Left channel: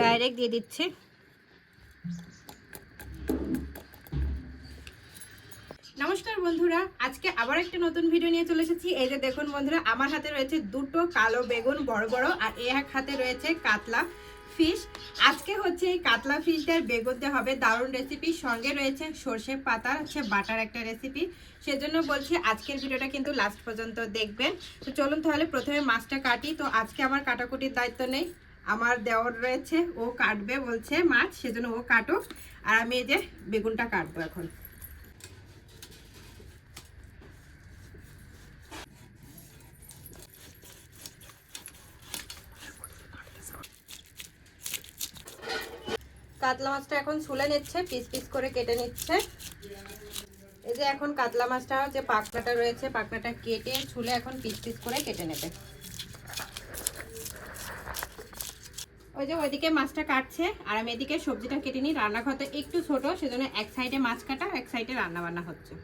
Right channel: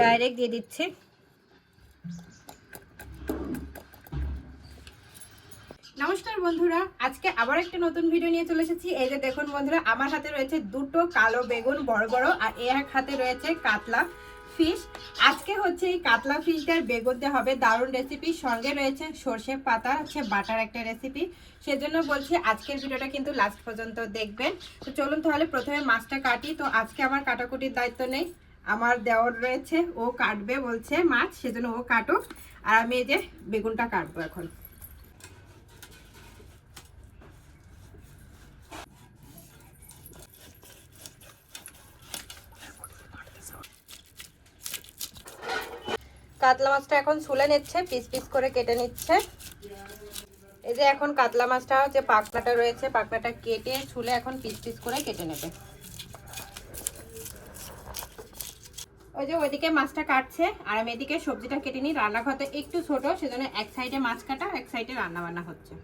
Direct দিয়ে দিচ্ছি। নমস্কার বন্ধুরা, আজকে আবার একটা নতুন ভিডিও নিয়ে চলে এসেছি। এই যে দেখুন বন্ধুরা, আমার হাতে রয়েছে দুটো কালো বেগুন, বড় বড়, আর এক হাতে রয়েছে কাতলা ফিশ আজকে হচ্ছে এই কাতলা ফিশটার বেগুন দিয়ে হবে দারুণ রেসিপি সঙ্গে রয়েছে সর্ষে পাতা, হচ্ছে বাটার একটা রেসিপি সেজন্য বলছি আজকের ভিডিওটা কিন্তু লাস্ট পর্যন্ত দেখবেন। তো চলুন তাহলে প্রথমে মাছটা কাটি। তো আজকে আমার কাটাকুটির দায়িত্ব নেই। আমার দেওয়ার রয়েছে, ও কাটবে বলছে মাছ, সেজন্য ও কাটুক। আর আমি এই যে বেগুনটা কাটবো এখন। কাতলা মাছটা এখন ছুলে নিচ্ছে, পিস পিস করে কেটে নিচ্ছে। এই যে এখন কাতলা মাছটা, যে পাকনাটা রয়েছে পাকনাটা কেটে ছুলে এখন পিস পিস করে কেটে নেবে। ওই যে ওইদিকে মাছটা কাটছে, আর আমি এদিকে সবজিটা কেটে নিই। রান্নাঘরটা একটু ছোট, সেজন্য এক সাইডে মাছ কাটা এক সাইডে রান্না বান্না হচ্ছে।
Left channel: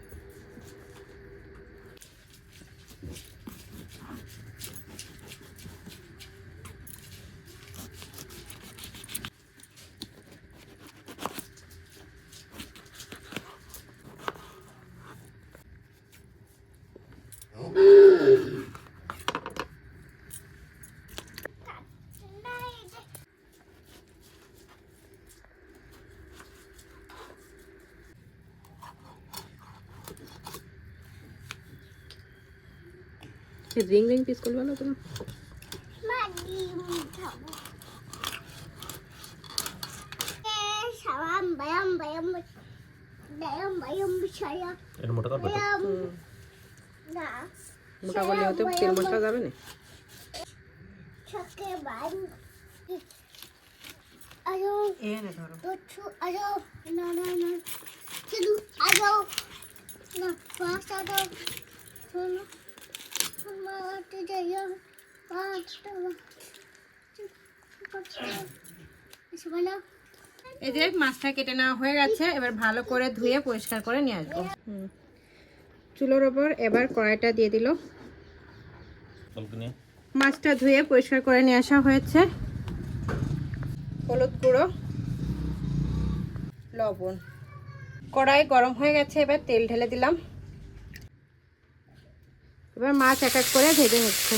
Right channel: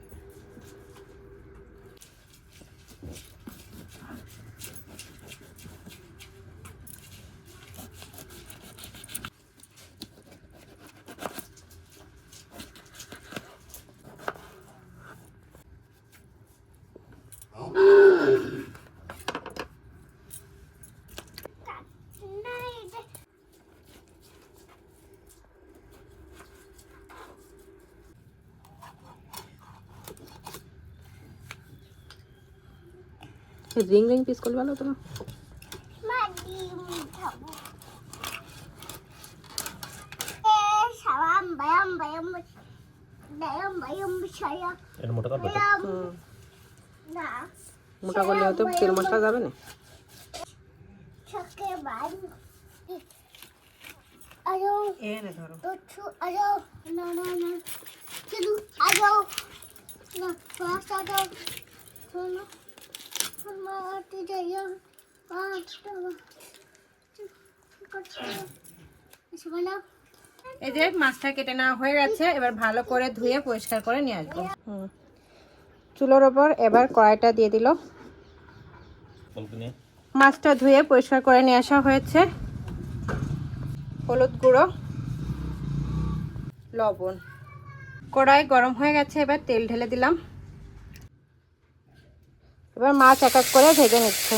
রিং রিং পিস তো না এর মোটা করবে করলে হয়তো তেল মশলা যাবে না? এ না ধরো এই যে মাছটা কেটে নেওয়া হয়ে গেছে, এবার ভালো করে ধুয়ে পরিষ্কার করে নিয়ে আসব। চুলোর ওপর এবার কড়াইটা দিয়ে দিল। মাছটা ধুয়ে পরিষ্কার করে নিয়ে আসা হয়েছে। হলুদ গুঁড়ো, লবণ। কড়াই গরম হয়ে গেছে, এবার তেল ঢেলে দিলাম। এবার মাছ এক এক করে ভেজে নিচ্ছে।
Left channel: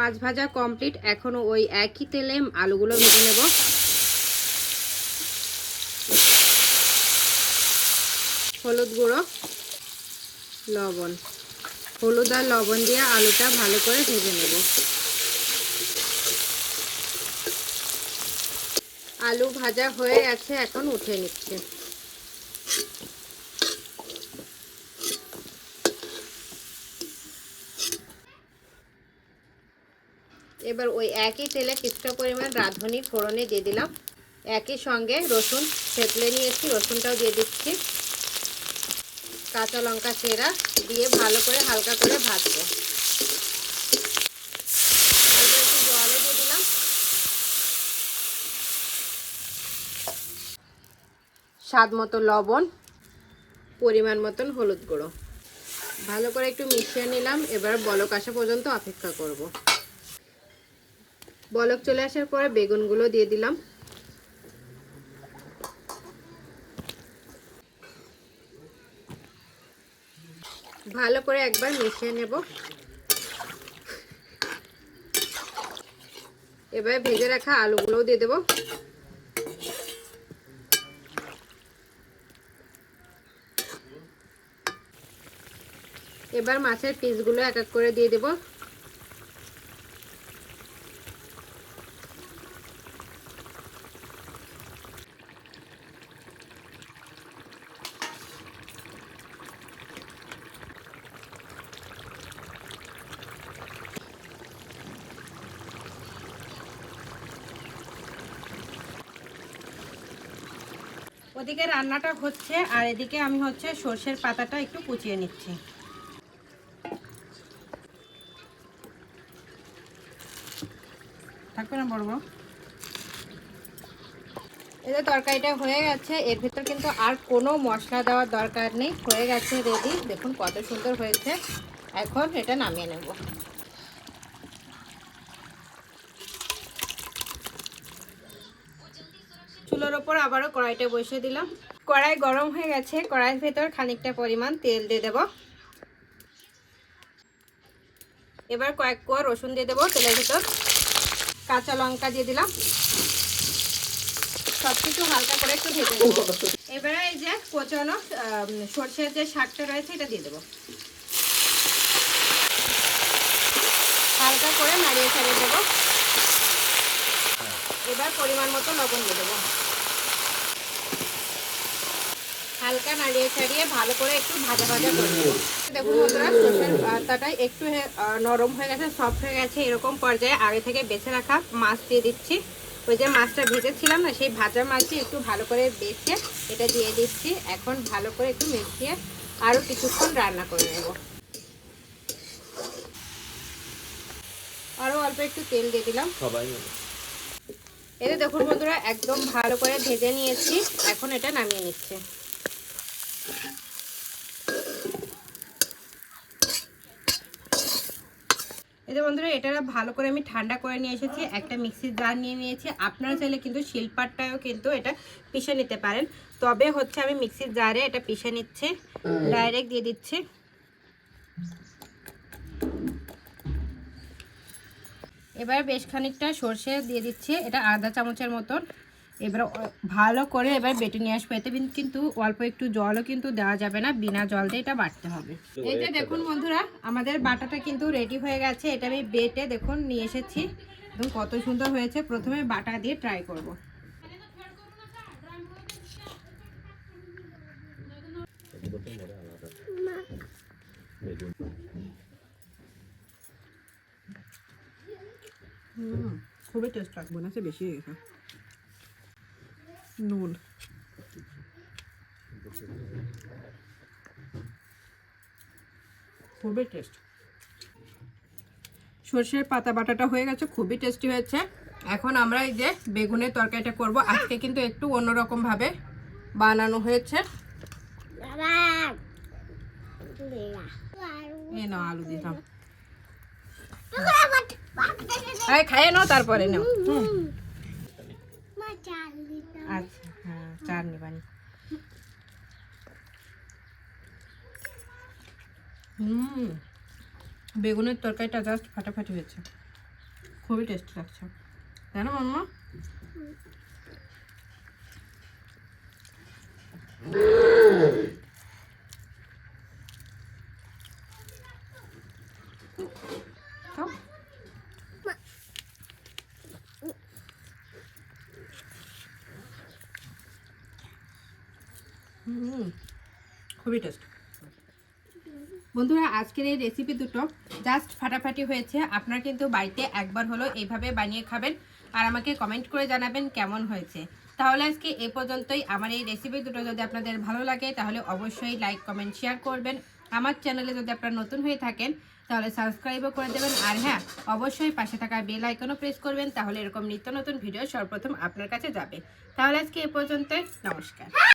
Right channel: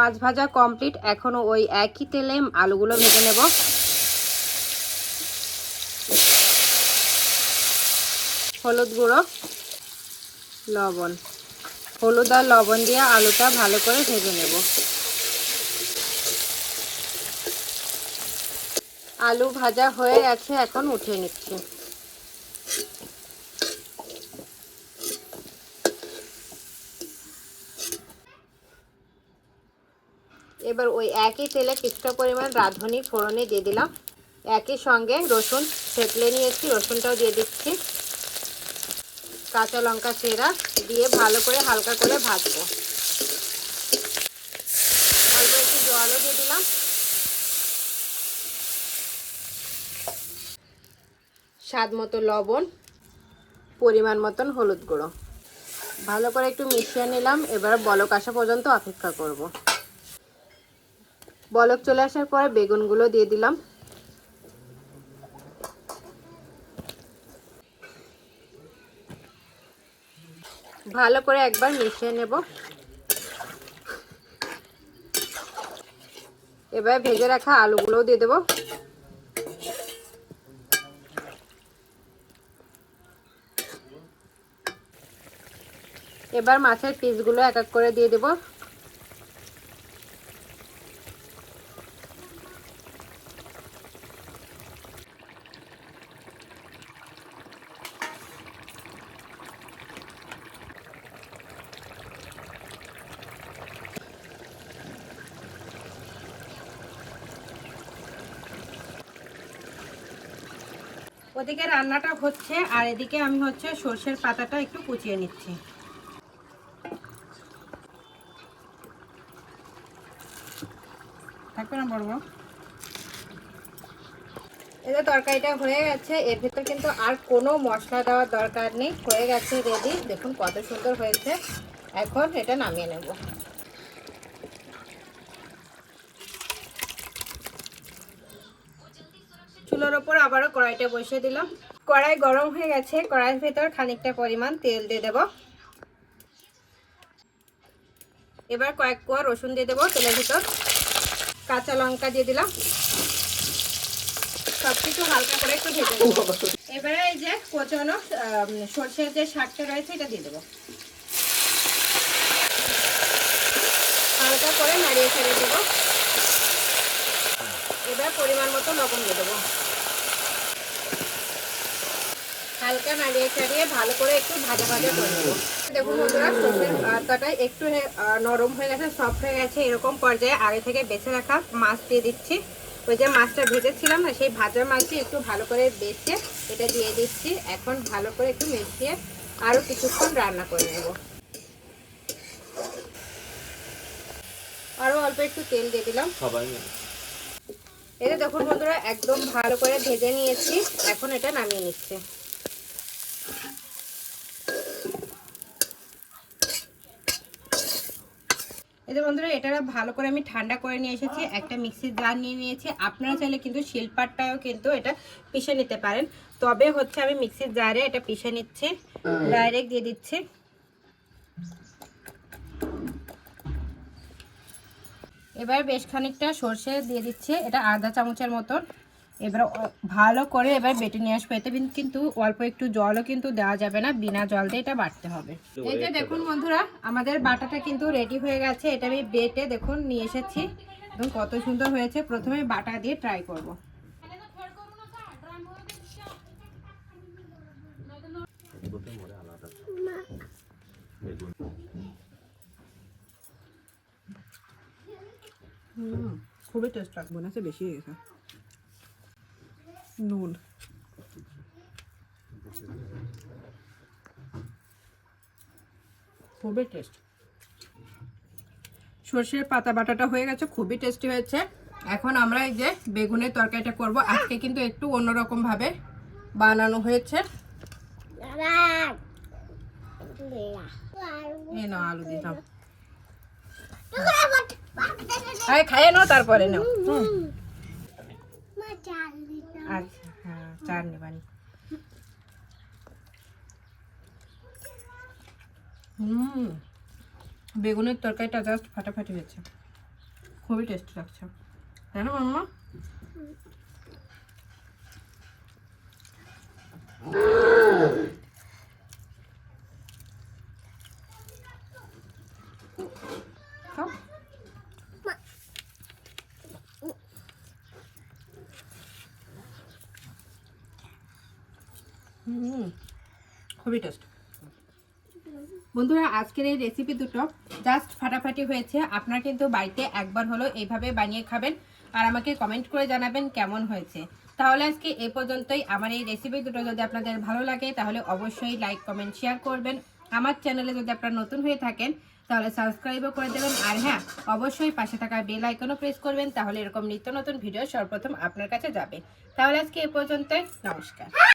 মাছ ভাজা কমপ্লিট এখনও ওই একই তেলে আলুগুলো ভেজে নেব। হলুদ গুঁড়ো, লবণ। হলুদ আর লবণ দিয়ে আলুটা ভালো করে ভেজে নেব। আলু ভাজা হয়ে গেছে, এখন উঠিয়ে নিচ্ছি। এবার ওই একই তেলে কিছুটা পরিমাণ রাঁধুনি, ফোড়নে দিয়ে দিলাম। একই সঙ্গে রসুন থেতলে নিয়েছি, রসুনটাও দিয়ে দিচ্ছি। কাঁচা লঙ্কা চেরা দিয়ে ভালো করে হালকা করে ভাজবো। স্বাদ মতো লবণ, পরিমাণ মতন হলুদ গুঁড়ো। ভালো করে একটু মিশিয়ে নিলাম, এবার বলক আসা পর্যন্ত অপেক্ষা করব। বলক চলে আসার পরে বেগুনগুলো দিয়ে দিলাম। ভালো করে একবার মিশিয়ে নেব। এবার ভেজে রাখা আলুগুলোও দিয়ে দেবো। এবার মাছের পিসগুলো এক এক করে দিয়ে দেবো। ওদিকে রান্নাটা হচ্ছে, আর এদিকে আমি হচ্ছে সর্ষের পাতাটা একটু কুচিয়ে নিচ্ছি। থাকবে না বড় তরকারিটা হয়ে গেছে, এর ভিতর কিন্তু আর কোনো মশলা দেওয়ার দরকার নেই, হয়ে গেছে রেডি দেখুন কত সুন্দর হয়েছে। এখন এটা নামিয়ে নেব। চুলোর ওপর আবারও কড়াইটা বসিয়ে দিলাম। কড়াই গরম হয়ে গেছে, কড়াইয়ের ভেতর খানিকটা পরিমাণ তেল দিয়ে দেব। এবার কয়েক কোয়া রসুন দিয়ে দেবো তেলের ভিতর। কাঁচা লঙ্কা দিয়ে দিলাম। সবকিছু হালকা করে একটু ভেজে নেব। এবারে এই যে কোচানো সর্ষের যে শাকটা রয়েছে এটা দিয়ে দেবো। হালকা করে নাড়িয়ে ছাড়িয়ে দেবো। এবার পরিমাণ মতো লবণ দিয়ে দেবো। হালকা নাড়িয়ে ছাড়িয়ে ভালো করে একটু ভাজা ভাজা করে নেব। দেখুন বন্ধুরা সর্ষের পাতাটা একটু নরম হয়ে গেছে সফট হয়ে গেছে এরকম পর্যায়ে আগে থেকে বেছে রাখা মাছ দিয়ে দিচ্ছি। ওই যে মাছটা ভেজেছিলাম না সেই ভাজা মাছটি একটু ভালো করে বেছে এটা দিয়ে দিচ্ছি। এখন ভালো করে একটু মিশিয়ে আরও কিছুক্ষণ রান্না করে নেব। আরও অল্প একটু তেল দিয়ে দিলাম। এটা দেখুন বন্ধুরা একদম ভালো করে ভেজে নিয়েছি। এখন এটা নামিয়ে নিচ্ছে। এই যে বন্ধুরা এটা ভালো করে আমি ঠান্ডা করে নিয়ে এসেছি, একটা মিক্সির জার নিয়ে নিয়েছি। আপনারা চাইলে কিন্তু শিলপাটটাও কিন্তু এটা পিষে নিতে পারেন। তবে হচ্ছে আমি মিক্সির জারে এটা পিষে নিচ্ছি ডাইরেক্ট দিয়ে দিচ্ছি। এবার বেশ খানিকটা সর্ষে দিয়ে দিচ্ছি, এটা আধা চামচের মতন। এবার ভালো করে এবার বেটে নিয়ে আসব। এতে কিন্তু অল্প একটু জলও কিন্তু দেওয়া যাবে না বিনা জল দিয়ে এটা বাটতে হবে। এই যে দেখুন বন্ধুরা আমাদের বাটাটা কিন্তু রেডি হয়ে গেছে। এটা আমি বেটে দেখুন নিয়ে এসেছি। দেখুন কত সুন্দর হয়েছে। প্রথমে বাটা দিয়ে ট্রাই করব। খুবই টেস্ট লাগবে না সে বেশি হয়ে গেছে। নুন খুবই টেস্ট সর্ষের পাতা বাটাটা হয়ে গেছে খুবই টেস্টি হয়েছে। এখন আমরা এই যে বেগুনের তরকারিটা করব। আজকে কিন্তু একটু অন্যরকম ভাবে বানানো হয়েছে। এই নাও আলু দিলাম খাইয়ে নাও তারপরে নাও। আচ্ছা হ্যাঁ চার হুম, বেগুনের তরকারিটা জাস্ট ফাটাফাটি হয়েছে। খুবই টেস্ট লাগছে। তাই না মাম্মা। খুবই টেস্ট বন্ধুরা, আজকের এই রেসিপি দুটো জাস্ট ফাটাফাটি হয়েছে। আপনারা কিন্তু বাড়িতে একবার হলো এইভাবে বানিয়ে খাবেন আর আমাকে কমেন্ট করে জানাবেন কেমন হয়েছে। তাহলে আজকে এ পর্যন্তই। আমার এই রেসিপি দুটো যদি আপনাদের ভালো লাগে, তাহলে অবশ্যই লাইক কমেন্ট শেয়ার করবেন। আমার চ্যানেলে যদি আপনারা নতুন হয়ে থাকেন, তাহলে সাবস্ক্রাইবও করে দেবেন। আর হ্যাঁ অবশ্যই পাশে থাকা বেল আইকনও প্রেস করবেন, তাহলে এরকম নিত্য নতুন ভিডিও সর্বপ্রথম আপনার কাছে যাবে। তাহলে আজকে এ পর্যন্তই। নমস্কার।